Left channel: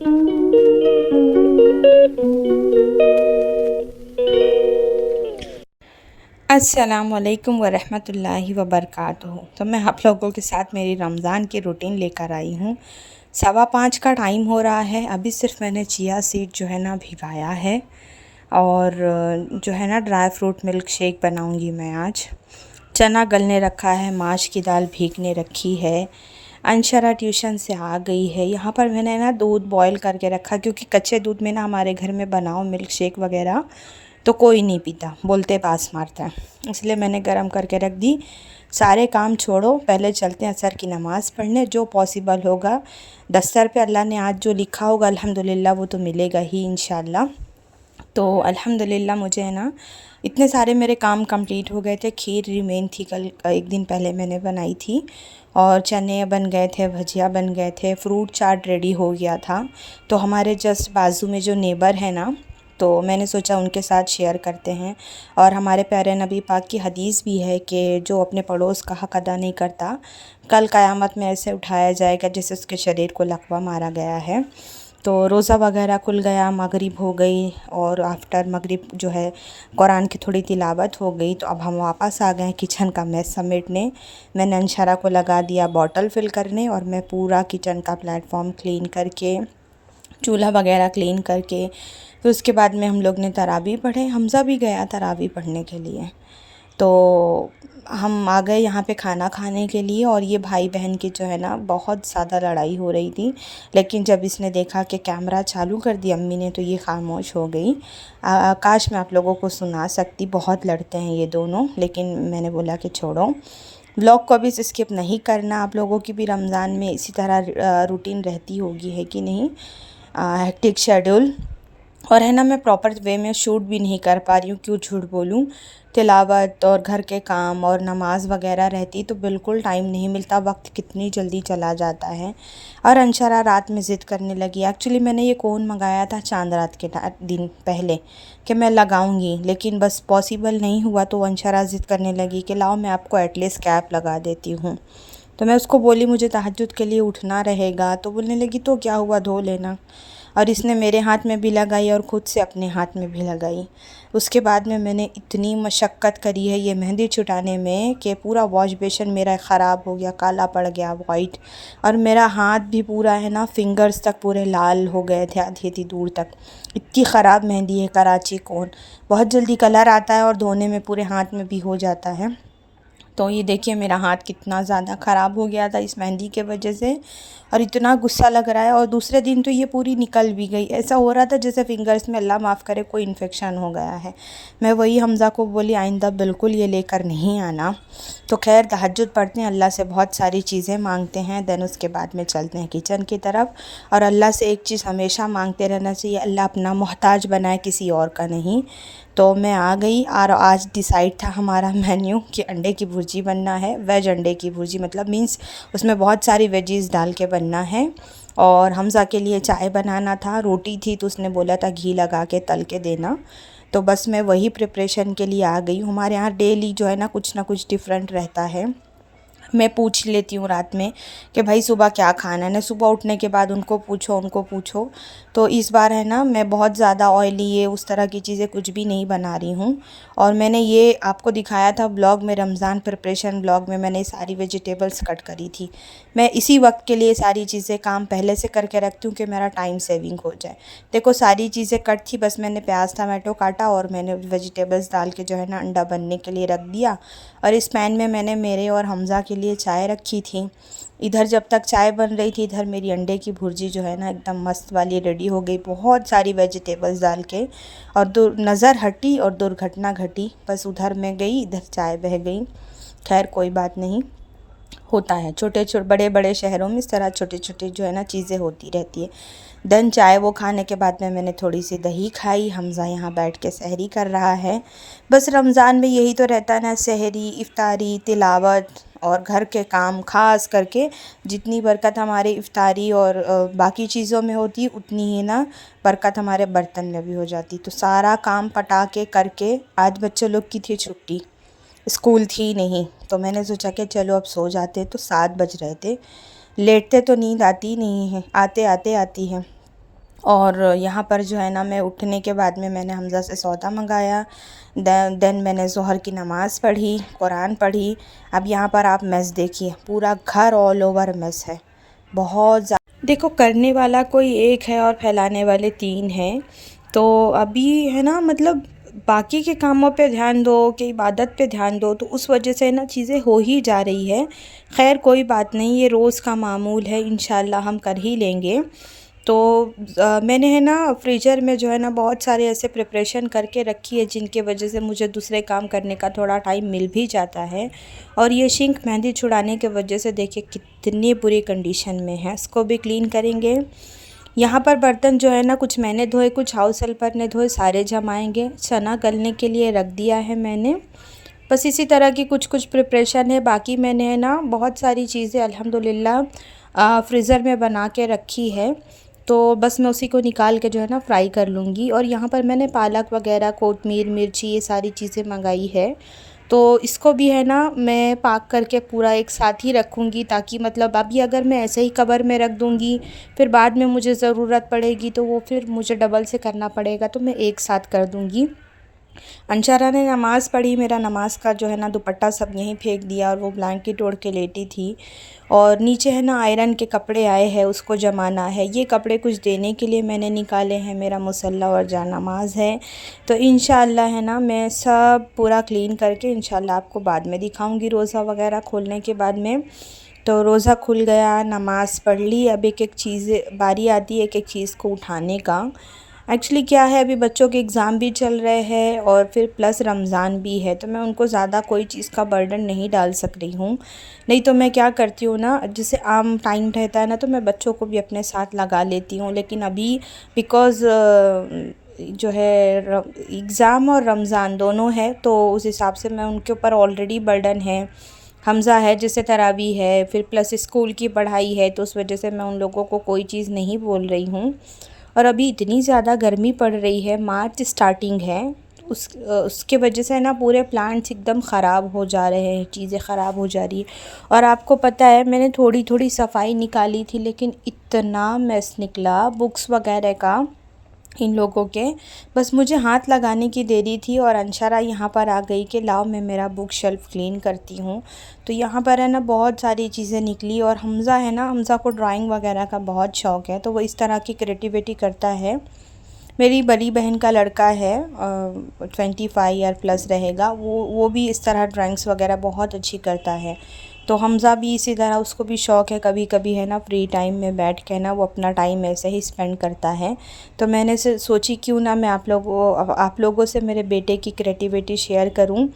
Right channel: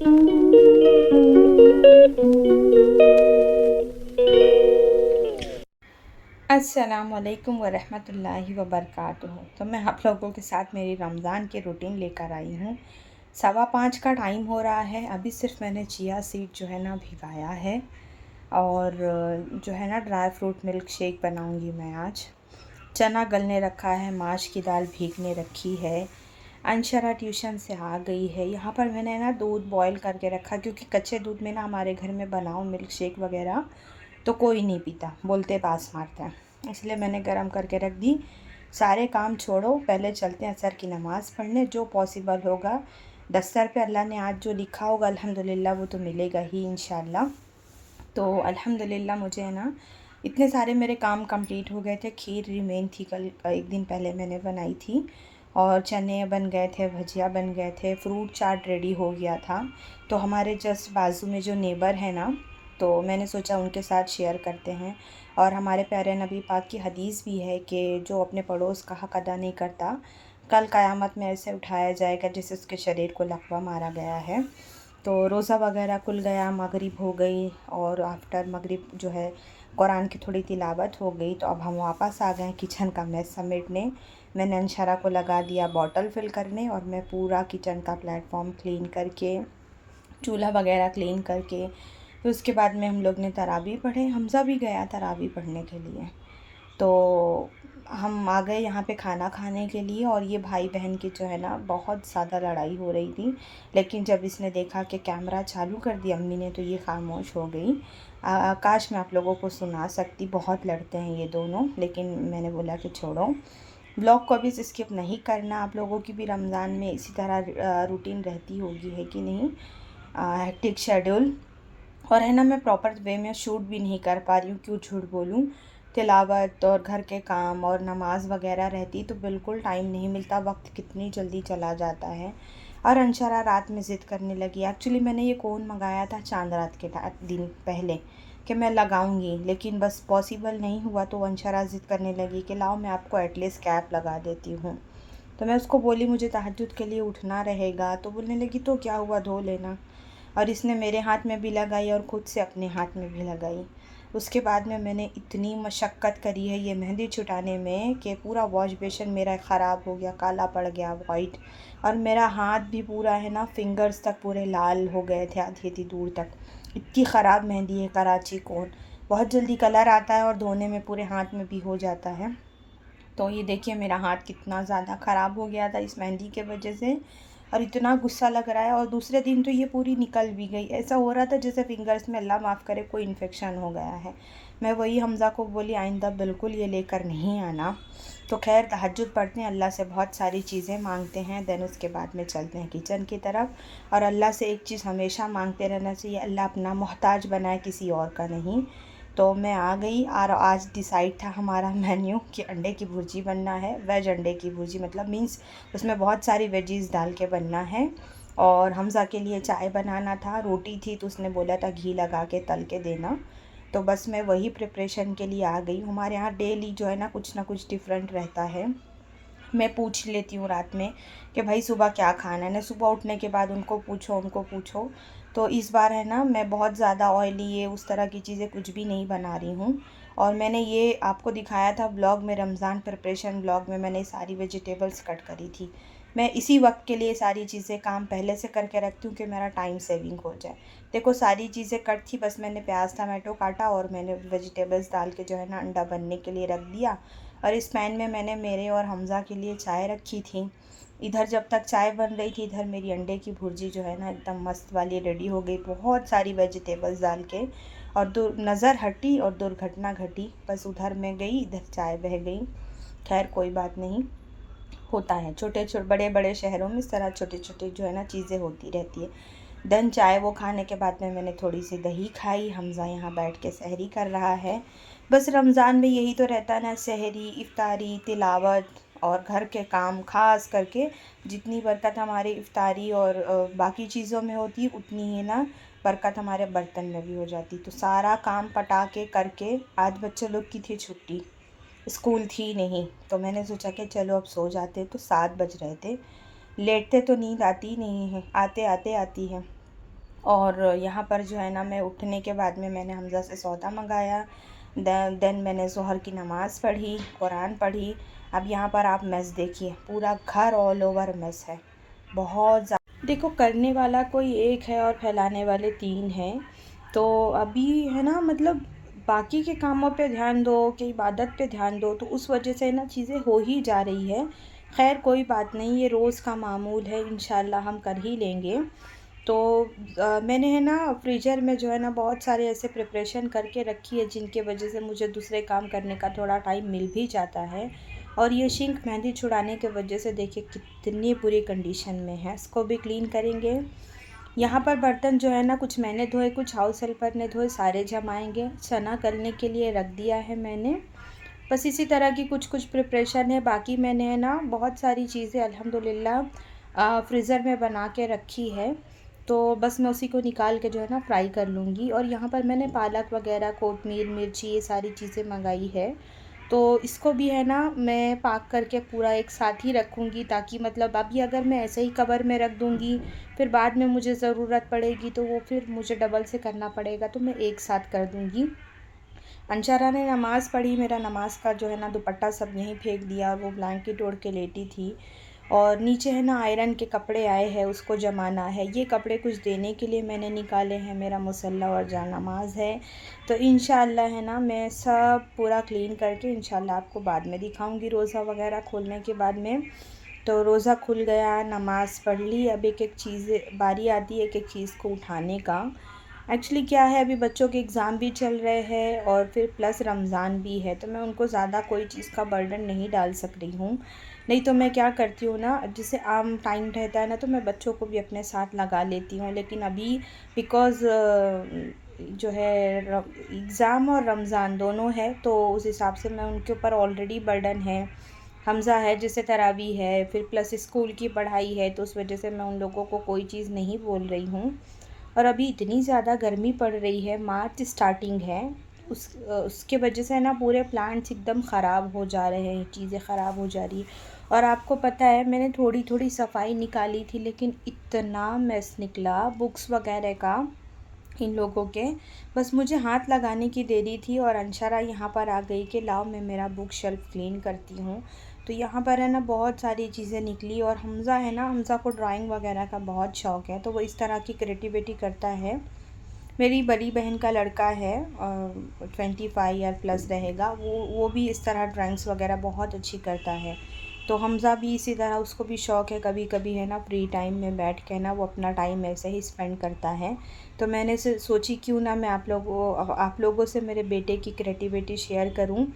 अस्सलाम वालेकुम वरहमतुल्लाहि वबरकातुहू। तो मैं आप लोगों के साथ मेरी रमज़ान की रूटीन लेकर आई हूँ। 5:15 का टाइम हो रहा है। अभी सिर्फ मैंने चिया सीड जो है ना भिगाया है और जो है ना ड्राई फ्रूट मिल्क शेक बनाऊँगी मैं आज। चना गलने रखा है, माश की दाल भीगने रखी है। अंशरा ट्यूशन से आ गई है। यहाँ पर मैंने ना दूध बॉईल करके रखा, क्योंकि कच्चे दूध में ना हमारे घर में बनाओ मिल्क शेक वगैरह तो कोई नहीं पीता, बोलते पास मारता है, इसलिए मैंने गर्म करके रख दी। सारे काम छोड़ो, पहले चलते हैं असर की नमाज़ पढ़ने। जो पॉसिबल होगा, दस्तर पे अल्लाह ने आज जो लिखा होगा अल्हम्दुलिल्लाह वो तो मिलेगा ही इंशाल्लाह। तो अल्हम्दुलिल्लाह मुझे है ना इतने सारे मेरे काम कंप्लीट हो गए थे। खीर रिमेन थी, कल एक दिन पहले मैंने बनाई थी, और चने बन गए थे, भजिया बन गए थे, फ्रूट चाट रेडी हो गया था। तो हमारे जस्ट बाजू में जो नेबर है ना, तो मैंने सोचा उनके साथ शेयर करते हैं। और हमारे प्यारे नबी पाक की हदीस भी है कि जो अपने पड़ोस का हक़ अदा नहीं करता, कल क़यामत में ऐसे उठाया जाएगा जैसे उसके शरीर को लकवा मारा गया है। तो रोज़ा वगैरह खुल गया, मगरिब हो गई, और आफ्टर मगरिब जो है कुरान की थोड़ी तिलावत हो गई। तो अब हम वापस आ गए किचन का मैस समेटने। मैंने अंशरा को लगा दिया बॉटल फ़िल करने, और मैं पूरा किचन का प्लेटफॉर्म क्लीन करके, चूल्हा वगैरह क्लीन करके, फिर उसके बाद में हम लोग ने तरावी पढ़े। हमज़ा भी गया तरावी पढ़ने के लिए। तो हम आ गए यहाँ पे खाना खाने के लिए, और ये भाई बहन की जो है ना बहुत ज़्यादा लड़ाई हो रही थी। लेकिन जब इसने देखा कि कैमरा चालू कर दिया अम्मी ने, तो ये ख़ामोश हो गई। काश मैं आप लोगों को सुना सकती, बहुत लड़ते हैं ये दोनों, लेकिन मैंने बोला कि छोड़ो, ब्लॉग को अभी स्किप नहीं करना। आप लोगों की भी रमज़ान में इसी तरह रूटीन रहती होगी, है कि नहीं, हेक्टिक शेड्यूल। और है ना, मैं प्रॉपर वे में शूट भी नहीं कर पा रही हूँ, क्यों झूठ बोलूँ। तिलावत और घर के काम और नमाज़ वगैरह रहती तो बिल्कुल टाइम नहीं मिलता, वक्त कितनी जल्दी चला जाता है। और अंशरा रात में ज़िद करने लगी। एक्चुअली मैंने ये कोन मंगाया था चांद रात के दिन पहले कि मैं लगाऊंगी, लेकिन बस पॉसिबल नहीं हुआ। तो अंशरा ज़िद करने लगी कि लाओ मैं आपको एटलीस्ट कैप लगा देती हूँ। तो मैं उसको बोली मुझे तहज्जुद के लिए उठना रहेगा। तो बोलने लगी तो क्या हुआ, धो लेना। और इसने मेरे हाथ में भी लगाई और ख़ुद से अपने हाथ में भी लगाई। उसके बाद में मैंने इतनी मशक्क़त करी है ये मेहंदी छुटाने में कि पूरा वॉश बेसिन मेरा ख़राब हो गया, काला पड़ गया, वाइट। और मेरा हाथ भी पूरा है ना, फिंगर्स तक पूरे लाल हो गए थे, आधी दूर तक। इतनी ख़राब मेहंदी है कराची कोन, बहुत जल्दी कलर आता है और धोने में पूरे हाथ में भी हो जाता है। तो ये देखिए मेरा हाथ कितना ज़्यादा ख़राब हो गया था इस मेहंदी के वजह से, और इतना गुस्सा लग रहा है। और दूसरे दिन तो ये पूरी निकल भी गई, ऐसा हो रहा था जैसे फिंगर्स में अल्लाह माफ़ करे कोई इन्फेक्शन हो गया है। मैं वही हमज़ा को बोली आइंदा बिल्कुल ये लेकर नहीं आना। तो खैर तहज्जुद पढ़ते हैं, अल्लाह से बहुत सारी चीज़ें मांगते हैं, देन उसके बाद में चलते हैं किचन की तरफ। और अल्लाह से एक चीज़ हमेशा मांगते रहना चाहिए, अल्लाह अपना मोहताज बनाए, किसी और का नहीं। तो मैं आ गई, और आज डिसाइड था हमारा मेन्यू कि अंडे की भुर्जी बनना है। वेज अंडे की भुर्जी मतलब मीन्स उसमें बहुत सारी वेजीज़ डाल के बनना है। और हमज़ा के लिए चाय बनाना था, रोटी थी तो उसने बोला था घी लगा के तल के देना। तो बस मैं वही प्रिपरेशन के लिए आ गई हूँ। हमारे यहाँ डेली जो है ना कुछ डिफरेंट रहता है। मैं पूछ लेती हूँ रात में कि भाई सुबह क्या खाना है ना, सुबह उठने के बाद उनको पूछो। तो इस बार है ना मैं बहुत ज़्यादा ऑयली ये उस तरह की चीज़ें कुछ भी नहीं बना रही हूँ। और मैंने ये आपको दिखाया था ब्लॉग में, रमज़ान प्रिपरेशन ब्लॉग में मैंने सारी वेजिटेबल्स कट करी थी। मैं इसी वक्त के लिए सारी चीज़ें काम पहले से करके रखती हूँ कि मेरा टाइम सेविंग हो जाए। देखो सारी चीज़ें कट थी, बस मैंने प्याज टमाटो काटा और मैंने वेजिटेबल्स डाल के जो है ना अंडा बनने के लिए रख दिया। और इस पैन में मैंने मेरे और हमज़ा के लिए चाय रखी थी। इधर जब तक चाय बन रही थी, इधर मेरी अंडे की भुर्जी जो है ना एकदम मस्त वाली रेडी हो गई, बहुत सारी वेजिटेबल्स डाल के। और नज़र हटी और दुर्घटना घटी, बस उधर मैं गई, इधर चाय बह गई। खैर कोई बात नहीं, होता है, बड़े बड़े शहरों में इस तरह छोटे छोटे जो है ना चीज़ें होती रहती है। देन चाय वो खाने के बाद में मैंने थोड़ी सी दही खाई। हमज़ा यहाँ बैठ के सहरी कर रहा है। बस रमज़ान में यही तो रहता है ना, सहरी, इफ्तारी, तिलावत और घर के काम। ख़ास करके जितनी बरकत हमारे इफ्तारी और बाकी चीज़ों में होती है, उतनी ही ना बरकत हमारे बर्तन में भी हो जाती। तो सारा काम पटा के करके, आज बच्चों लोग की थी छुट्टी, स्कूल थी नहीं, तो मैंने सोचा कि चलो अब सो जाते। तो 7 बज रहे थे। लेटते तो नींद आती नहीं है, आते आते आती है। और यहाँ पर जो है ना मैं उठने के बाद में मैंने हमज़ा से सौदा मंगाया। देन मैंने ज़ोहर की नमाज़ पढ़ी, कुरान पढ़ी। अब यहाँ पर आप मेस देखिए, पूरा घर ऑल ओवर मेस है। बहुत देखो, करने वाला कोई एक है और फैलाने वाले 3 हैं। तो अभी है ना, मतलब बाकी के कामों पे ध्यान दो कि इबादत पे ध्यान दो, तो उस वजह से ना चीज़ें हो ही जा रही है। खैर कोई बात नहीं, ये रोज़ का मामूल है, इंशाल्लाह हम कर ही लेंगे। तो मैंने है ना फ्रीज़र में जो है ना बहुत सारे ऐसे प्रिपरेशन करके रखी है जिनके वजह से मुझे दूसरे काम करने का थोड़ा टाइम मिल भी जाता है। और ये सिंक मेहंदी छुड़ाने के वजह से देखिए कितनी बुरी कंडीशन में है, इसको भी क्लीन करेंगे। यहाँ पर बर्तन जो है ना कुछ मैंने धोए, कुछ हाउस हेल्पर ने धोए, सारे जमाएंगे। चना गलने के लिए रख दिया है मैंने। बस इसी तरह की कुछ कुछ प्रिपरेशन है। बाकी मैंने है ना बहुत सारी चीज़ें अल्हम्दुलिल्लाह फ्रीज़र में बना के रखी है। तो बस मैं उसी को निकाल के जो है ना फ्राई कर लूँगी। और यहाँ पर मैंने पालक वगैरह, कोतमीर, मिर्ची, ये सारी चीज़ें मंगाई है। तो इसको भी है ना मैं पाक करके पूरा एक साथ ही रखूँगी, ताकि मतलब अभी अगर मैं ऐसे ही कवर में रख दूँगी, फिर बाद में मुझे ज़रूरत पड़ेगी तो वो फिर मुझे डबल से करना पड़ेगा, तो मैं एक साथ कर दूँगी। अंशारा ने नमाज़ पढ़ी, मेरा नमाज का जो है ना दुपट्टा सब यहीं फेंक दिया और वो ब्लैंकेट ओढ़ के लेटी थी। और नीचे है ना आयरन के कपड़े आए हैं, उसको जमाना है। ये कपड़े कुछ देने के लिए मैंने निकाले हैं, मेरा मुसल्ला और जानमाज़ है। तो इंशाअल्लाह है ना मैं सब पूरा क्लीन करके इंशाअल्लाह आपको बाद में दिखाऊंगी, रोज़ा वगैरह खोलने के बाद में। तो रोज़ा खुल गया, नमाज़ पढ़ ली। अब एक एक चीज़ बारी आती है, एक एक चीज़ को उठाने का। एक्चुअली क्या है, अभी बच्चों के एग्ज़ाम भी चल रहे हैं और फिर प्लस रमज़ान भी है, तो मैं उनको ज़्यादा कोई चीज़ का बर्डन नहीं डाल सक रही हूँ। नहीं तो मैं क्या करती हूँ ना, जैसे आम टाइम रहता है ना, तो मैं बच्चों को भी अपने साथ लगा लेती हूँ। लेकिन अभी बिकॉज़ जो है एग्ज़ाम और रमज़ान दोनों है, तो उस हिसाब से मैं उनके ऊपर ऑलरेडी बर्डन है। हमज़ा है जिससे तरावी है, फिर प्लस स्कूल की पढ़ाई है, तो उस वजह से मैं उन लोगों को कोई चीज़ नहीं बोल रही हूँ। और अभी इतनी ज़्यादा गर्मी पड़ रही है, मार्च स्टार्टिंग है, उसके वजह से ना पूरे प्लांट्स एकदम ख़राब हो जा रहे हैं, चीज़ें ख़राब हो जा रही है। और आपको पता है मैंने थोड़ी थोड़ी सफाई निकाली थी, लेकिन इतना मेस निकला बुक्स वगैरह का इन लोगों के। बस मुझे हाथ लगाने की देरी थी और अंशरा यहाँ पर आ गई कि लाओ मैं मेरा बुक शेल्फ़ क्लीन करती हूँ। तो यहाँ पर है ना बहुत सारी चीज़ें निकली। और हमज़ा है ना, हमज़ा को ड्राइंग वगैरह का बहुत शौक़ है, तो वो इस तरह की क्रिएटिविटी करता है। मेरी बड़ी बहन का लड़का है, 25 ईयर प्लस रहेगा, वो भी इस तरह ड्राइंग्स वगैरह बहुत अच्छी करता है। तो हमज़ा भी इसी तरह, उसको भी शौक़ है, कभी कभी है ना फ्री टाइम में बैठ के ना वो अपना टाइम ऐसे ही स्पेंड करता है। तो मैंने से सोची क्यों ना मैं आप लोगों से मेरे बेटे की क्रिएटिविटी शेयर करूं।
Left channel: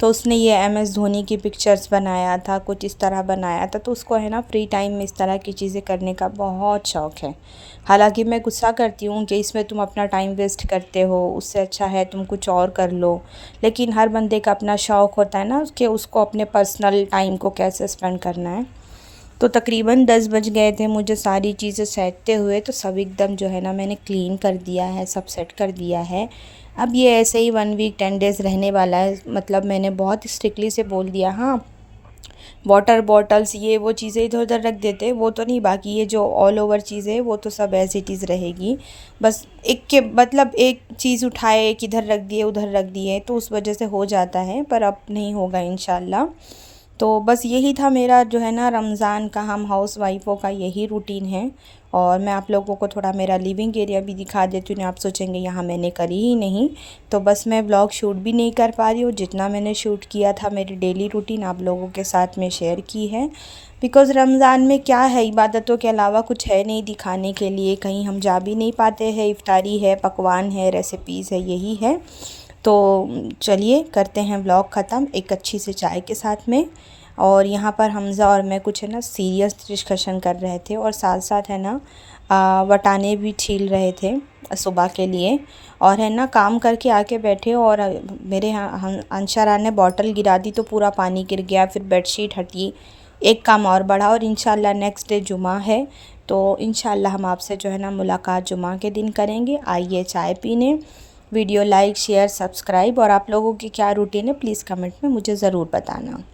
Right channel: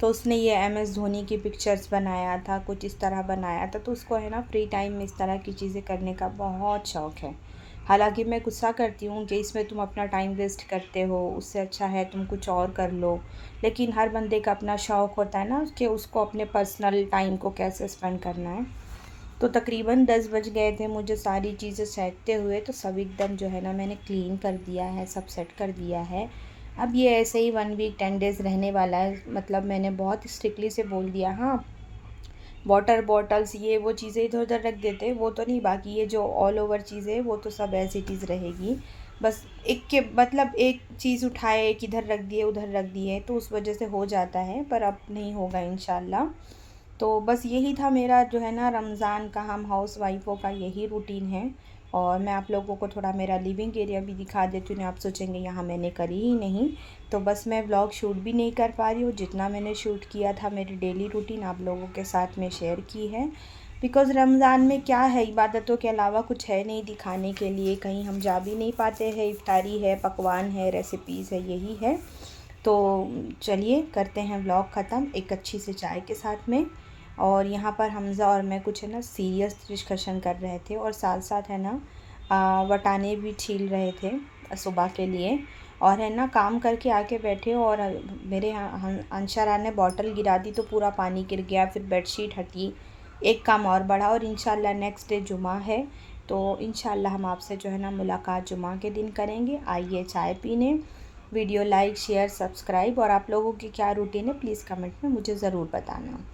तो उसने ये MS धोनी की पिक्चर्स बनाया था, कुछ इस तरह बनाया था। तो उसको है ना फ्री टाइम में इस तरह की चीज़ें करने का बहुत शौक़ है। हालांकि मैं गुस्सा करती हूँ कि इसमें तुम अपना टाइम वेस्ट करते हो, उससे अच्छा है तुम कुछ और कर लो। लेकिन हर बंदे का अपना शौक़ होता है ना कि उसको अपने पर्सनल टाइम को कैसे स्पेंड करना है। तो तकरीबन 10 बज गए थे मुझे सारी चीज़ें सेटते हुए। तो सब एकदम जो है ना मैंने क्लीन कर दिया है, सब सेट कर दिया है। अब ये ऐसे ही 1 वीक 10 डेज़ रहने वाला है। मतलब मैंने बहुत स्ट्रिक्टली से बोल दिया, हाँ वाटर बॉटल्स ये वो चीज़ें इधर उधर रख देते, वो तो नहीं। बाकी ये जो ऑल ओवर चीज़ें वो तो सब एज इट इज़ रहेगी। बस एक के मतलब एक चीज़ उठाए, एक इधर रख दिए, उधर रख दिए, तो उस वजह से हो जाता है, पर अब नहीं होगा इंशाल्लाह। तो बस यही था मेरा जो है ना रमज़ान का, हम हाउस वाइफ़ों का यही रूटीन है। और मैं आप लोगों को थोड़ा मेरा लिविंग एरिया भी दिखा देती हूँ। आप सोचेंगे यहाँ मैंने करी ही नहीं, तो बस मैं ब्लॉग शूट भी नहीं कर पा रही हूँ। जितना मैंने शूट किया था मेरी डेली रूटीन आप लोगों के साथ में शेयर की है। बिकॉज़ रमज़ान में क्या है, इबादतों के अलावा कुछ है नहीं दिखाने के लिए, कहीं हम जा भी नहीं पाते हैं। इफ्तारी है, पकवान है, रेसिपीज़ है, यही है। तो चलिए करते हैं ब्लॉग ख़त्म एक अच्छी सी चाय के साथ में। और यहाँ पर हमज़ा और मैं कुछ है ना सीरियस डिस्कशन कर रहे थे, और साथ साथ है ना वटाने भी छील रहे थे सुबह के लिए। और है ना काम करके आके बैठे, और मेरे यहाँ अंशरा ने बॉटल गिरा दी तो पूरा पानी गिर गया, फिर बेडशीट हटी, एक काम और बढ़ा। और इंशाल्लाह नेक्स्ट डे जुमा है, तो इंशाल्लाह हम आपसे जो है ना मुलाकात जुमा के दिन करेंगे। आइए चाय पीने। Video like, share, subscribe. और आप लोगों की क्या रूटीन है प्लीज़ कमेंट में मुझे ज़रूर बताना।